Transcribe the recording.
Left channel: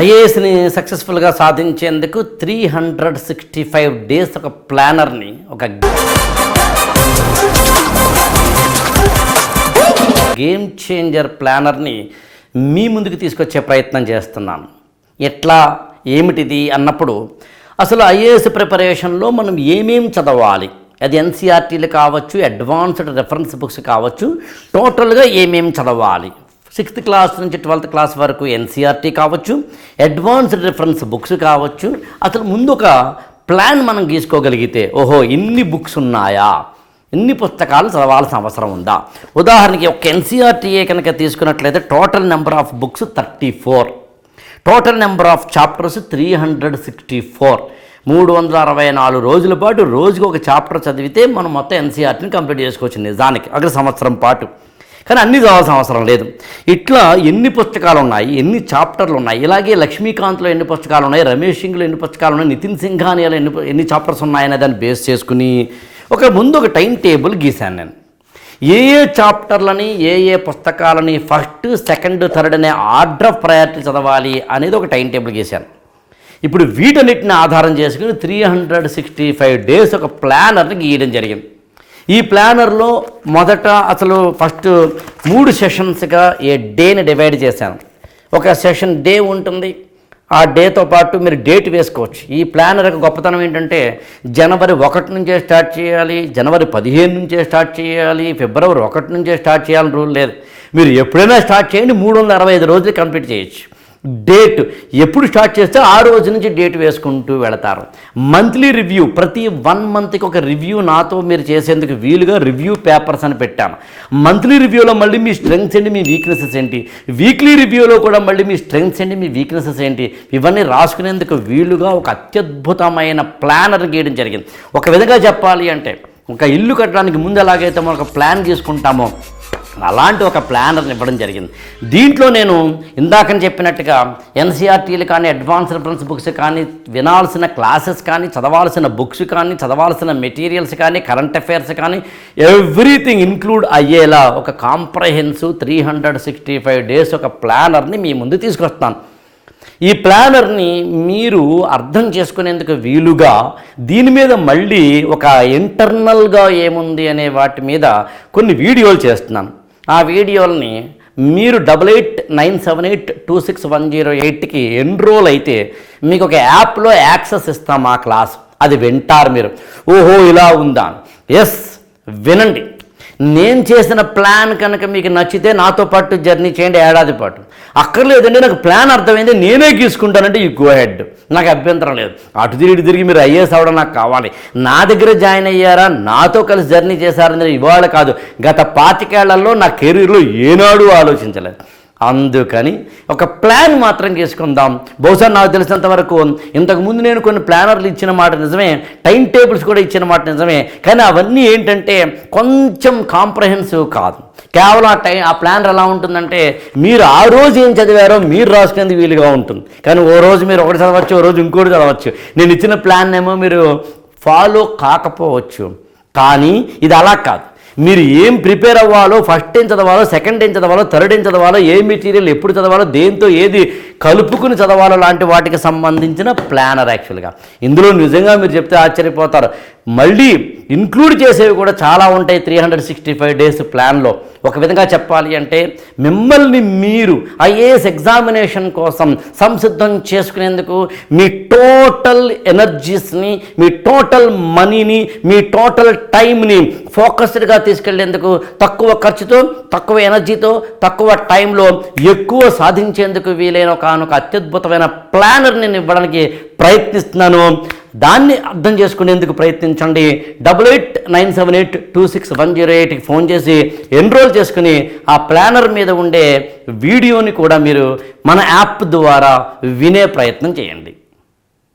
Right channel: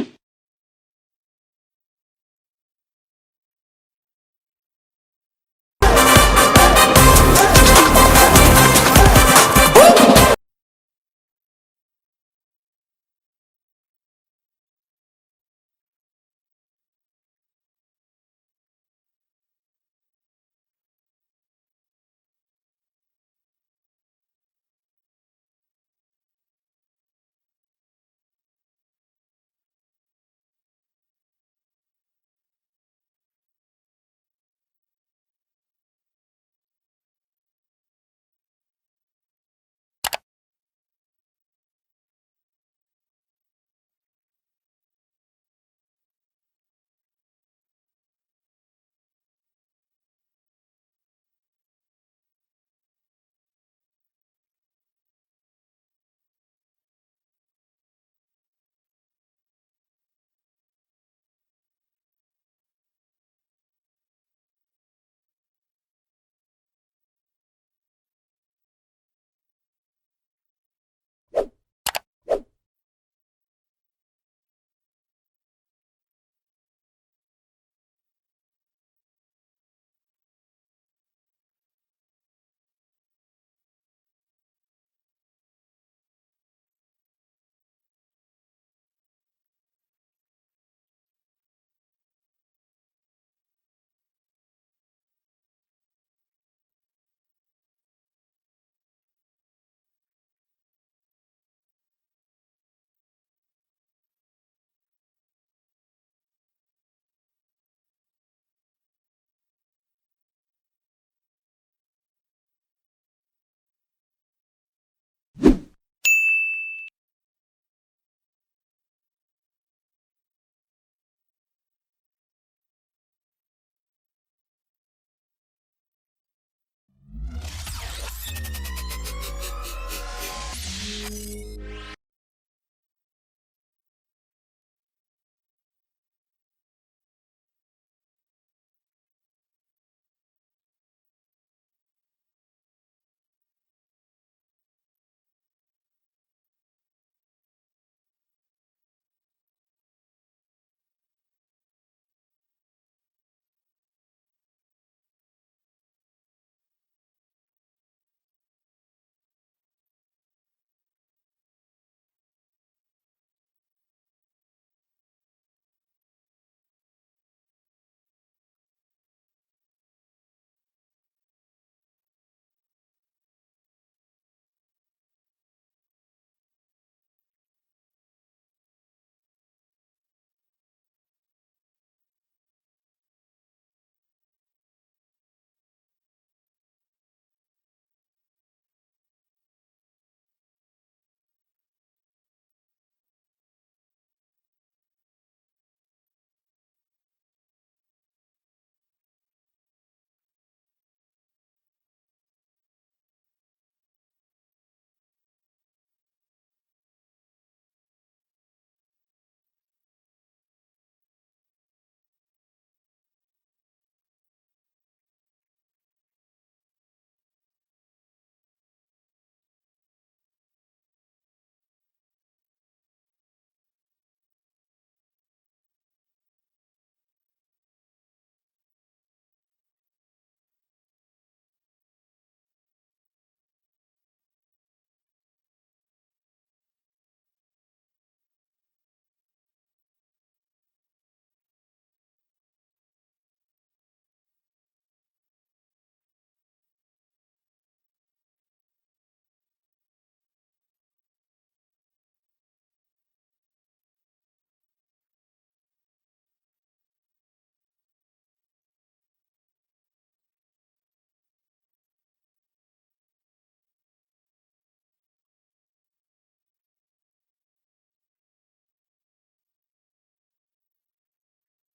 ఐఏఎస్ని సక్సెస్ఫుల్గా సాధించేందుకు 365 డేస్ ఒక ప్లానర్ని, ఒక గేమ్ చేంజర్ ప్లానర్ని మీ ముందుకు తీసుకొచ్చే ప్రయత్నం చేస్తున్నాను. ఎట్లా, ఏమిటిది అన్నప్పుడు అసలు ఐఏఎస్ ప్రిపరేషన్లో మనం ఏమేం చదవాలి, అది ఎన్సీఆర్టీలు కావచ్చు, అడ్వాన్స్డ్ రెఫరెన్స్ బుక్స్ కావచ్చు, టోటల్గా ఏమేం చదవాలి, 6th క్లాస్ నుంచి 12th క్లాస్ వరకు ఎన్సీఆర్టీ కావచ్చు, అడ్వాన్స్డ్ రిఫరెన్స్ బుక్స్ కావచ్చు. అసలు ముందు ఒక ప్లాన్ మనం గీసుకోగలిగితే, ఓహో ఇన్ని బుక్స్ ఉన్నాయా, ఇన్ని పుస్తకాలు చదవాల్సిన అవసరం ఉందా. ఉదాహరణకి ఒక ఎన్సీఆర్టీఏ కనుక తీసుకున్నట్లయితే total number of books 34, total number of chapters 364. 364 రోజుల పాటు రోజుకు ఒక చాప్టర్ చదివితే మనం మొత్తం ఎన్సీఆర్టీని కంప్లీట్ చేసుకోవచ్చు నిజానికి, అక్కడ సంవత్సరం పాటు. కానీ అన్నీ చదవాల్సిన అవసరం లేదు. ఇట్లా ఎన్ని పుస్తకాలు ఉన్నాయి, ఎన్ని చాప్టర్లు ఉన్నాయి, ఇలాగే లక్ష్మీకాంత్లో ఎన్ని పుస్తకాలు ఉన్నాయి, రమేష్ సింగ్లో ఎన్ని పుస్తకాలు ఉన్నాయి, నితిన్ సింఘానియాలో ఎన్ని చాప్టర్స్ ఉన్నాయనే దాన్ని బేస్ చేసుకుని ముందు ఒక టైం టేబుల్ గీశాను నేను. ఏ చాప్టర్లని, ఏ పుస్తకాలని ఫస్ట్, సెకండ్, థర్డ్ అనే ఆర్డర్ ఆఫ్ ప్రయారిటీ చదవాలి అనేది ఒక టైం టేబుల్ గీశాను. ఇప్పుడు వీటన్నిటిని ఆధారం చేసుకుని 365 డేస్ ఒక ప్లానర్ని గీయడం జరిగింది. ఈ ప్లానర్లో మొదట అసలు ఫస్ట్ 3 సెషన్స్గా ఏ డేని డివైడ్ చేశాను. ఒక సెషన్ డే ఉంటుంది, ఆ డేతో పాటు మీరు డేట్ వేసుకోవచ్చు. ఈ ప్లానర్ యొక్క గొప్పతనం ఏంటంటే జనవరి 1 నుంచే స్టార్ట్ చేయాలి, జనవరి 15 నుంచే స్టార్ట్ చేయాలి, ఫిబ్రవరి 1 నుంచే స్టార్ట్ చేయాలని రూల్ లేదు. మీరు ఎప్పుడైనా స్టార్ట్ చేయండి, 365 రోజులు కంప్లీట్ చేయొచ్చు. డేట్ ఎప్పుడు స్టార్ట్ చేస్తే ఆ రోజు నుంచి డేట్ వేసుకుంటూ వెళతారు. మంత్లీ రివ్యూ, ప్రతి 1 మంత్కి ఒక రివ్యూ నాతో మీరు చేసేందుకు వీలుగా రివ్యూ పేపర్స్ అని పెట్టాను. మంత్లీ రివ్యూలో మళ్ళీ మీ స్ట్రెంగ్స్ ఏంటి, మీ వీక్నెసెస్ ఏంటి, వీక్లీ రివ్యూలో కూడా మళ్ళీ మీ స్ట్రెంగ్స్ ఏంటి, మీ వీక్నెసెస్ ఏంటి, ఇవన్నీ రాసుకునేందుకు వీలుగా ఒక అత్యద్భుతమైన ప్లానర్ గీయడం జరిగింది. ఒక విధంగా చెప్పాలి అంటే ఒక ఇల్లు కట్టడానికి ముందు ఎలాగైతే మనం ఒక ప్లాన్ తీసుకుంటామో అలాంటి ఒక ప్లానర్ని ఇవ్వడం జరిగింది. దీంట్లో నేను ఇందాకని చెప్పినట్టుగా ఎన్సీఆర్టీలు కానీ, అడ్వాన్స్ రిఫరెన్స్ బుక్స్ కానీ, వినాల్సిన క్లాసెస్ కానీ, చదవాల్సిన బుక్స్ కానీ, చదవాల్సిన మెటీరియల్స్ కానీ, కరెంట్ అఫైర్స్ కానీ, ఎవ్రీథింగ్ ఇన్క్లూడ్ అయ్యేలా ఒక కాంప్రహెన్సివ్ 365 డేస్ ఒక ప్లానర్ని మీ ముందు తీసుకొస్తాను. ఈ ప్లానర్ని మీరు అర్థం చేసుకునేందుకు వీలుగా దీని మీద మళ్ళీ ఒక ఇంటర్నల్గా ఏముంది అనే వాటి మీద కొన్ని వీడియోలు చేస్తున్నాను. ఆ వీడియోలని మీరు 8897826108కి ఎన్రోల్ అయితే మీకు ఒక యాప్లో యాక్సెస్ ఇస్తాం ఆ క్లాస్. అది వింటారు మీరు. ఓహో ఇలా ఉందా, ఎస్ వినండి. నేను చేసిన ప్లాన్ కనుక మీకు నచ్చితే నాతో పాటు జర్నీ చేయండి ఏడాది పాటు. అక్కర్లేదండి నాకు ప్లాన్ అర్థమైంది నేనే గీసుకుంటానంటే యూ గో హెడ్, నాకు అభ్యంతరం లేదు. అటు తిరిగి మీరు ఐఏఎస్ అవ్వడం నాకు కావాలి. నా దగ్గర జాయిన్ అయ్యారా, నాతో కలిసి జర్నీ చేశారని ఇవాళ కాదు, గత 25 ఏళ్లలో నా కెరీర్లో ఏనాడు ఆలోచించలేదు. అందుకని ఒక ప్లాన్ మాత్రం చేసుకుందాం. బహుశా నాకు తెలిసినంత వరకు ఇంతకుముందు నేను కొన్ని ప్లానర్లు ఇచ్చిన మాట నిజమే, టైం టేబుల్స్ కూడా ఇచ్చిన మాట నిజమే, కానీ అవన్నీ ఏంటంటే కొంచెం కాంప్రహెన్సివ్ కాదు. కేవలం ఆ ప్లానర్ ఎలా ఉంటుందంటే మీరు ఆ రోజు ఏం చదివారో మీరు రాసుకునేందుకు వీలుగా ఉంటుంది. కానీ ఓ రోజు మీరు ఒకటి చదవచ్చు, ఓ రోజు ఇంకోటి చదవచ్చు. నేను ఇచ్చిన ప్లాన్ ఏమో మీరు ఫాలో కాకపోవచ్చు. కానీ ఇది అలా కాదు. మీరు ఏం ప్రిపేర్ అవ్వాలో, ఫస్ట్ ఏం చదవాలో, సెకండ్ ఏం చదవాలో, థర్డ్ ఏం చదవాలో, ఏ మెటీరియల్ ఎప్పుడు చదవాలో, దేంతో ఏది కలుపుకుని చదవాలో లాంటి వాటికి సంబంధించిన ప్లానర్. యాక్చువల్గా ఇందులో నిజంగా మీరు చెప్తే ఆశ్చర్యపోతారు. మళ్ళీ ఇంక్లూడ్ చేసేవి కూడా చాలా ఉంటాయి 365 డేస్ ప్లాన్లో. ఒక విధంగా చెప్పాలి అంటే మిమ్మల్ని మీరు ఐఏఎస్ ఎగ్జామినేషన్ కోసం సంసిద్ధం చేసుకునేందుకు మీ టోటల్ ఎనర్జీస్ని, మీ టోటల్ మనీని, మీ టోటల్ టైంని ఫోకస్డ్గా తీసుకెళ్లేందుకు, తక్కువ ఖర్చుతో, తక్కువ ఎనర్జీతో, తక్కువ టైంలో ఎక్కువ సాధించేందుకు వీలైన ఒక అత్యద్భుతమైన ప్లానర్ నేను ఇవ్వడానికి ప్రయత్నిస్తున్నాను. దాన్ని అర్థం చేసుకునేందుకు ప్రయత్నించండి. 8897826108కి ఫోన్ చేసి ఎన్రోల్ చేసుకుని ఆ ప్లానర్ మీద ఉండే వీడియోని కూడా మీరు మన యాప్ ద్వారా వినే ప్రయత్నం చేయండి.